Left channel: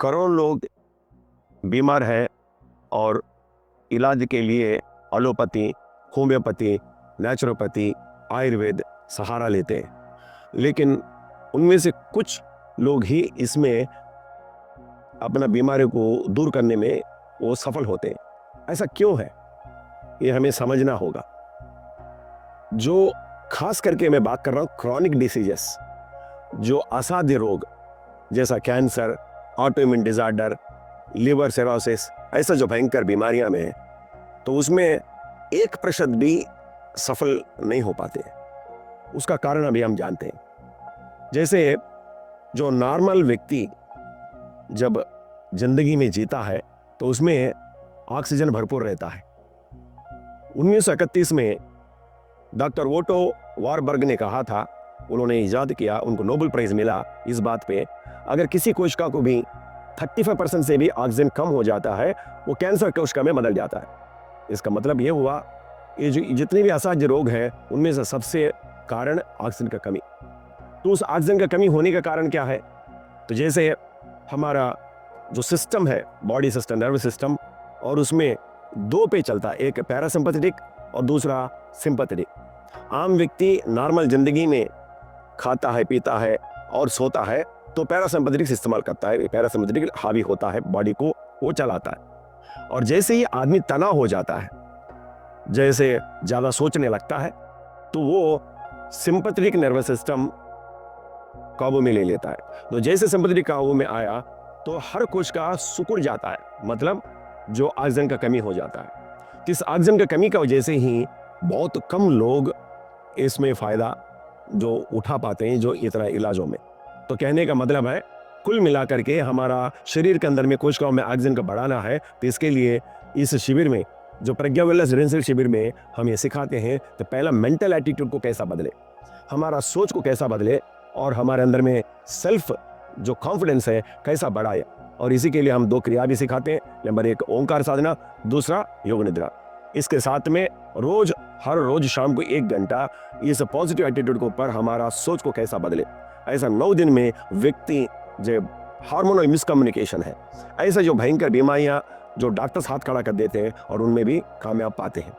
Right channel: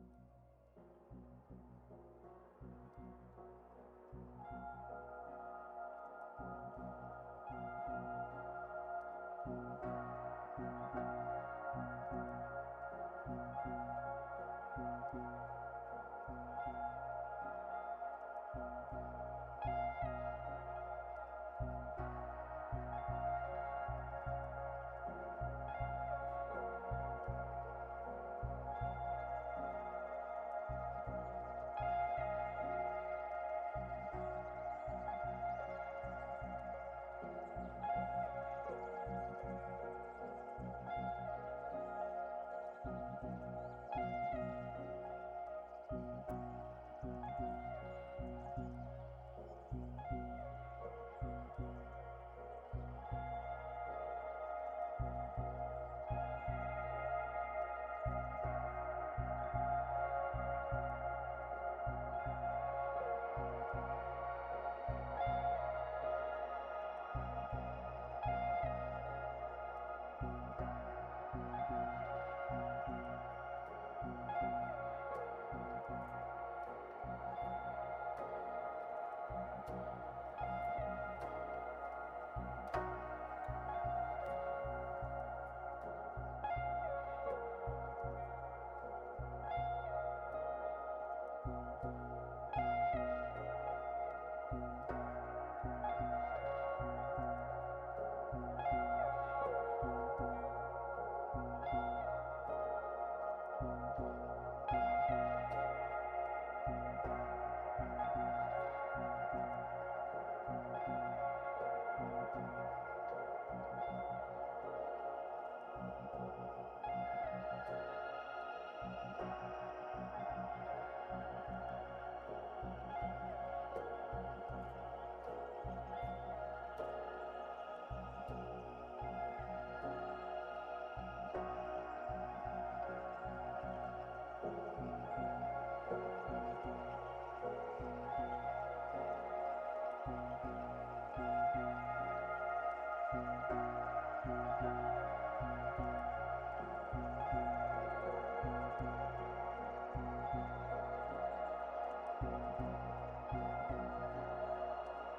करोड़ लोग बीमार हैं और इलाज के लिए एलोपैथी, होम्योपैथी, नेचुरोपैथी, आयुर्वेद सहारा लेते हैं। लेकिन उनमें से कुछ लोग ही इसमें अपना बीमारी को दूर करने में वो सफल होते हैं। ऐसा क्यों है? ये हमें समझना होगा। जो खास करके मैं बात कर रहा हूँ क्रॉनिक डिसीजेस, जो असाध्य रोग जैसा cancer, autoimmune disorder, liver cirrhosis, ऐसा जो भयंकर बीमारियां में है, तो उसमें 1% भी सफल नहीं हो पाते। उसका कारण अभी हम जानते हैं। जैसे जो नॉर्मल व्यक्ति जब जिंदगी में जीता है तो उसमें ऑक्सीजन भरपूर रहता है। 1931 में डॉक्टर वोटो वारबर्ग ने कहा था, उन्होंने इजाद किया, उनको नोबेल प्राइज मिला इस बात पे, अगर किसी कोशिका को भी 35% से भी ऑक्सीजन कम हो जाता है, वो कैंसर कोशिका में बदल जाता है। इसका मतलब ये हुआ, ये जो जितने भी असाध्य रोग हैं उनमें से सबसे कारण ऑक्सीजन का कमी। तो उस ऑक्सीजन का कमी होने का कारण क्या है? तो जैसे हमारा जो सिस्टम है, बॉडी सिस्टम, नर्वस सिस्टम, और उसमें दो पे चलता है, एक पैरासिम्पैथेटिक और दूसरा सिंपैथेटिक। आम व्यक्ति नॉर्मल जिंदगी में खाता है, पीता है और सोता है तो पैरासिम्पैथेटिक इस्तेमाल करता है, पैरासिम्पैथेटिक हावी होता है, बॉडी को वो चलाता है। और जैसे ही आदमी तनाव हो जाता है, जैसे ज्यादा सोचने लगता है, तो वो सिंपैथेटिक नर्वस सिस्टम काबू में ले लेता है। तो जैसे सिंपैथेटिक काबू में आया तो हर कोशिका सिकुड़ जाता है, मतलब जो ऑक्सीजन का कमी हो जाता है। इस ऑक्सीजन का कमी की वजह से ही बहुत कम लोग इसमें फायदा जो उठा पाते हैं, जो इतना इलाजों में। तो कहने का मतलब है, कुल मिलाकर के हमारा शरीर के अंदर में कोशिकाओं में ऑक्सीजन का बढ़ाना है, तो इसके लिए इस शिविर में, जो प्रज्ञा वेलनेस रेसिडेंशियल शिविर में हम ये सिखाते हैं, तो पहला मेंटल एटीट्यूड को कैसा बदले, हमारा सोच को कैसा बदले, और हमारे अंदर में सेल्फ जो कॉन्फिडेंस है कैसा बढ़ाए। और इसी के लिए हम 2 क्रिया भी सिखाते हैं। नंबर 1 ओंकार साधना, दूसरा योग निद्रा। इसके साथ में हर रोज शाम को 1 घंटा इस पॉजिटिव एटीट्यूड के ऊपर हमारा सोच को कैसा बदले। ऐसा 9 दिन में व्यक्ति जो हार्मोनल मिसकम्युनिकेशन है, ऐसा जो भयंकर बीमारियां जो डॉक्टर्स हाथ खड़ा कर देते हैं और उनमें भी कामयाब पाते हैं।